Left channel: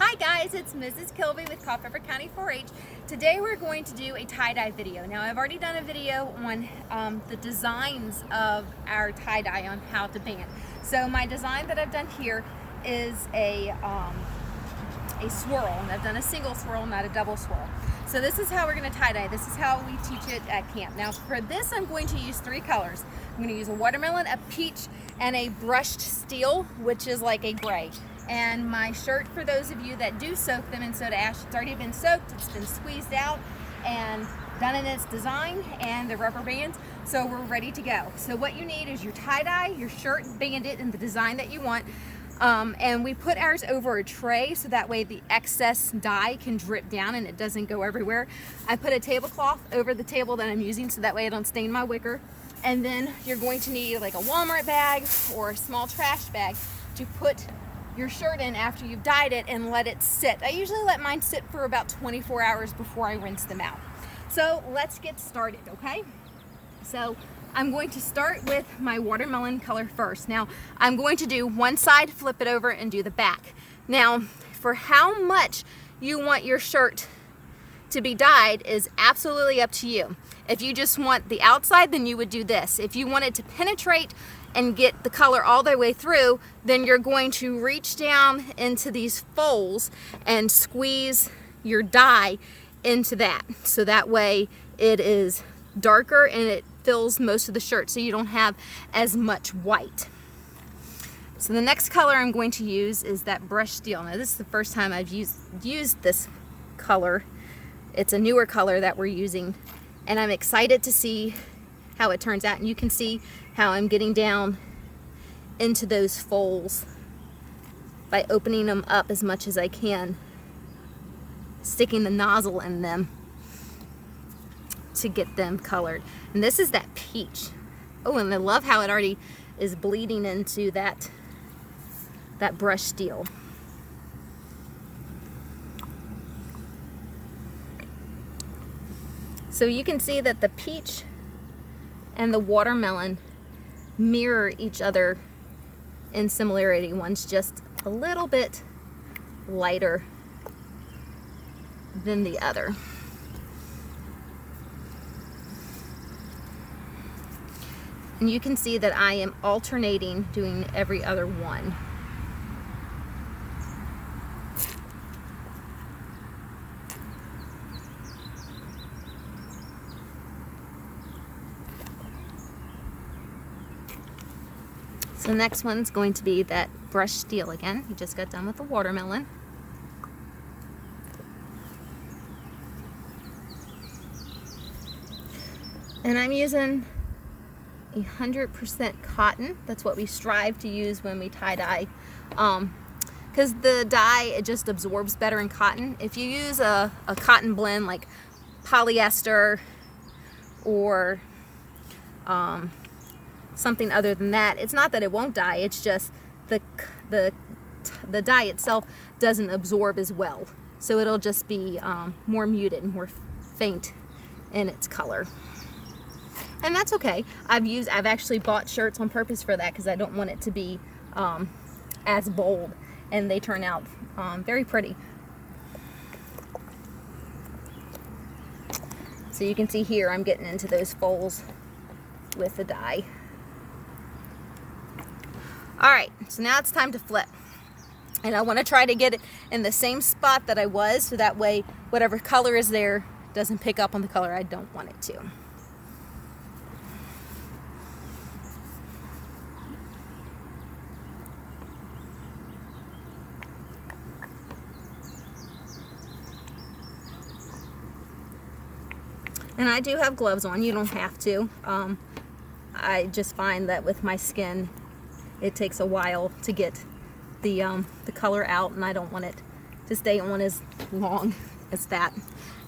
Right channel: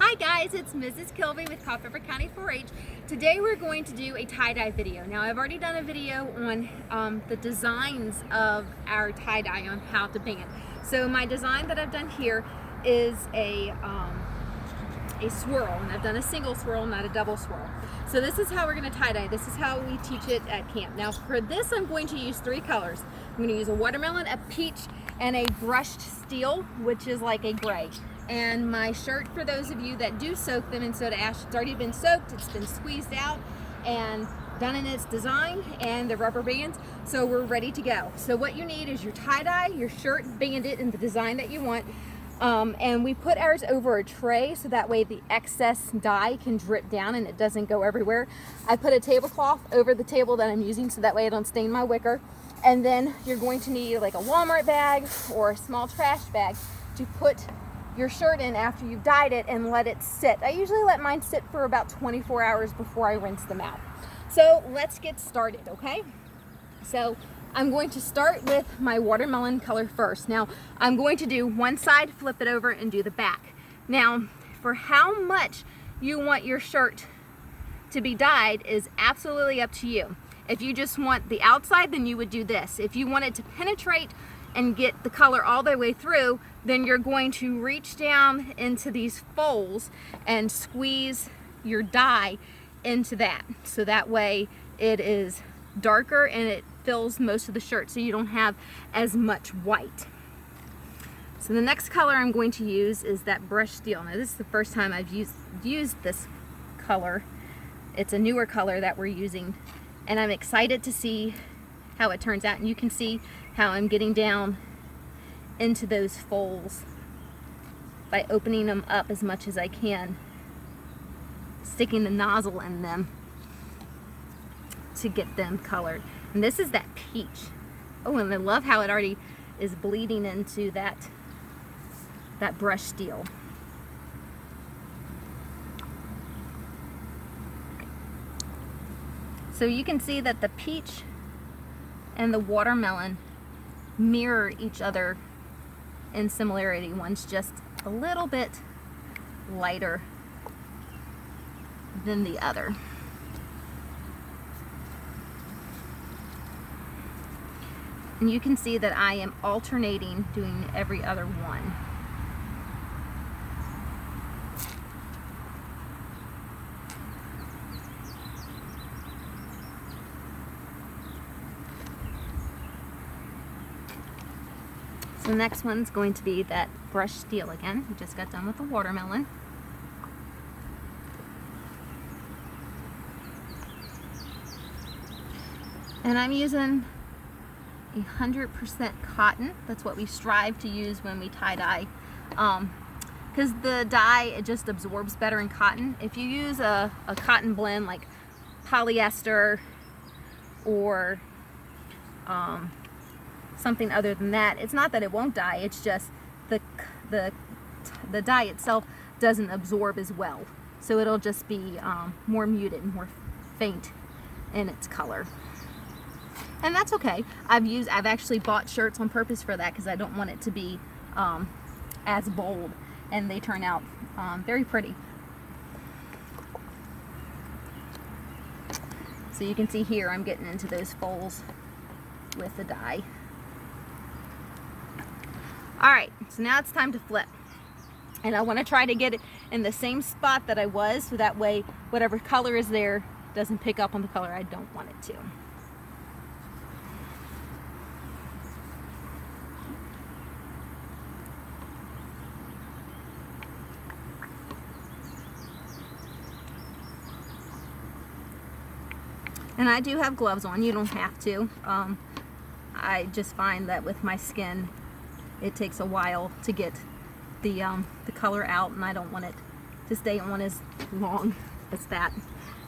Hi guys, it's Mrs. Kilby with Culpeper County 4-H. Today we're going to do a tie-dye video. Now I've already done a video on the designs of our tie-dye on how to band. So my design that I've done here is a swirl, and I've done a single swirl, not a double swirl. So this is how we're going to tie-dye. This is how we teach it at camp. Now for this I'm going to use three colors. I'm going to use a watermelon, a peach, and a brushed steel, which is like a gray. And my shirt, for those of you that do soak them in soda ash, it's already been soaked, it's been squeezed out and done in its design, and the rubber bands, so we're ready to go. So what you need is your tie-dye, your shirt banded in the design that you want, and we put ours over a tray so that way the excess dye can drip down and it doesn't go everywhere. I put a tablecloth over the table that I'm using so that way I don't stain my wicker. And then you're going to need like a Walmart bag or a small trash bag to put your shirt in after you've dyed it and let it sit. I usually let mine sit for about 24 hours before I rinse them out. So let's get started, okay? So I'm going to start with my watermelon color first. Now I'm going to do one side, flip it over, and do the back. Now for how much you want your shirt to be dyed is absolutely up to you. If you just want the outside, then you would do this. If you want it to penetrate and get the color all the way through, then you're going to reach down into these folds and squeeze your dye into that. So that way it is darker and it fills most of the shirt so you don't have as much white. So the next color I'm going to use is that brushed steel. Now this is the first time I've used this color. It's a newer color that we're using, and I'm excited to see how it turns out. And you can see how I'm getting down into those folds by opening them up as much as I can, sticking the nozzle in them to get them colored. And this is that peach. Oh, and I love how it already is bleeding into that brushed steel. So you can see that the peach and the watermelon mirror each other in similarity. One's just a little bit lighter than the other. And you can see that I am alternating doing every other one. So the next one's going to be that brushed steel again. We just got done with the watermelon. And I'm using 100% cotton. That's what we strive to use when we tie-dye. Because the dye, it just absorbs better in cotton. If you use a cotton blend like polyester or something other than that, it's not that it won't dye, it's just the dye itself doesn't absorb as well, so it'll just be more muted and more faint in its color, and that's okay. I've actually bought shirts on purpose for that because I don't want it to be as bold, and they turn out very pretty. So you can see here I'm getting into those folds with the dye. Alright, so now it's time to flip. And I want to try to get it in the same spot that I was, so that way whatever color is there doesn't pick up on the color I don't want it to. And I do have gloves on, you don't have to. I just find that with my skin it takes a while to get the color out, and I don't want it to stay on as long as that.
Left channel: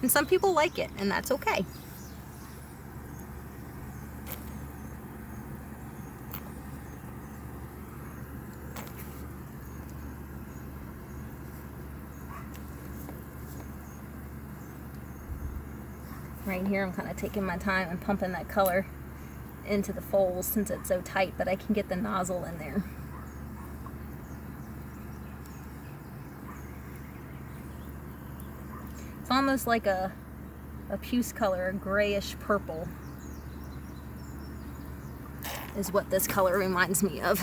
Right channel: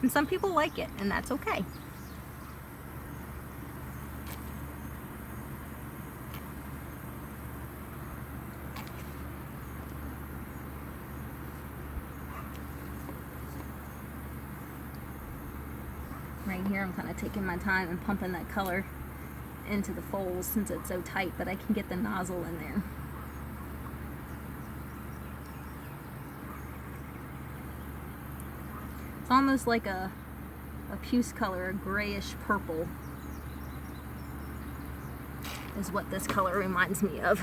And some people like it, and that's okay. Right here I'm kind of taking my time and pumping that color into the folds since it's so tight, but I can get the nozzle in there. It's almost like a puce color, a grayish purple is what this color reminds me of.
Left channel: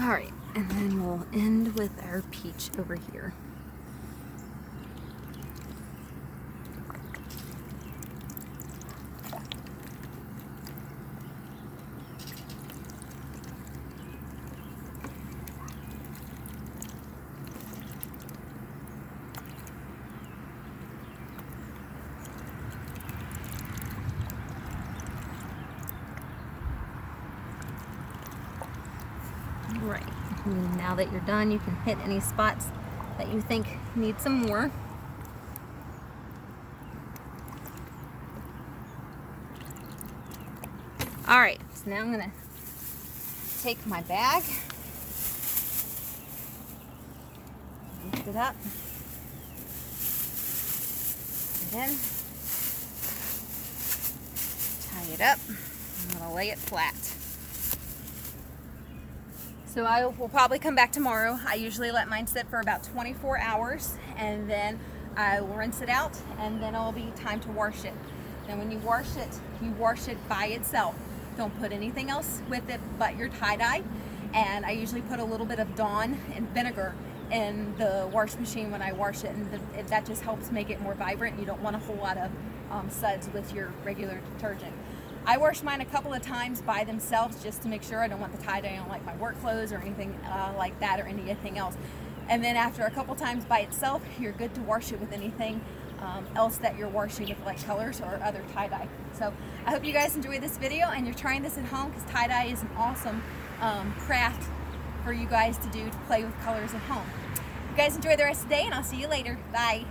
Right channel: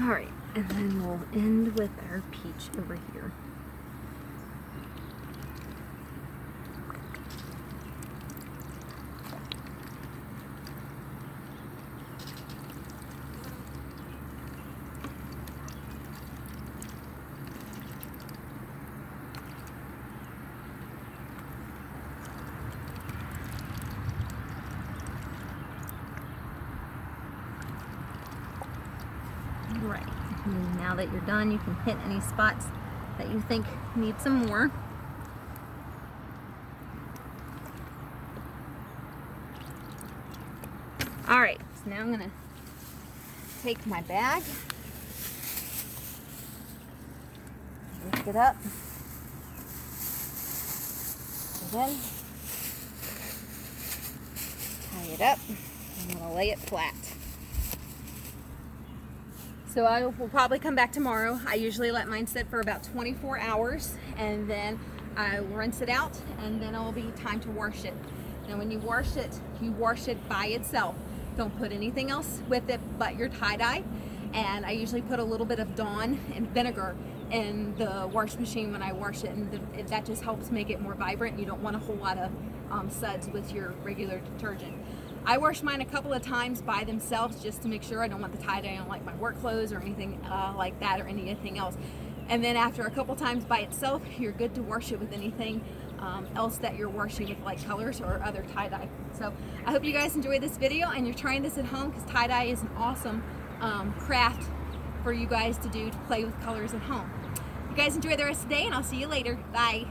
All right, and then we'll end with our peach over here. Right, and now that you're done, you can hit any spots that you think need some more. All right, so now I'm gonna take my bag, lift it up, put it in, tie it up, I'm gonna lay it flat. So I will probably come back tomorrow. I usually let mine sit for about 24 hours and then I will rinse it out and then it'll be time to wash it. Now when you wash it by itself. Don't put anything else with it but your tie-dye. And I usually put a little bit of Dawn and vinegar in the wash machine when I wash it, and that just helps make it more vibrant. You don't want a whole lot of suds with your regular detergent. I wash mine a couple of times by themselves just to make sure I don't want the tie-dye on like my work clothes or anything like that or anything else. And then after a couple times by itself, you're good to wash it with anything else that you're washing with, like colors or other tie-dye. So I hope you guys enjoyed this video and you're trying this at home, because tie-dye is an awesome craft for you guys to do to play with colors at home. You guys enjoy the rest of the day and I'll see you later. Bye.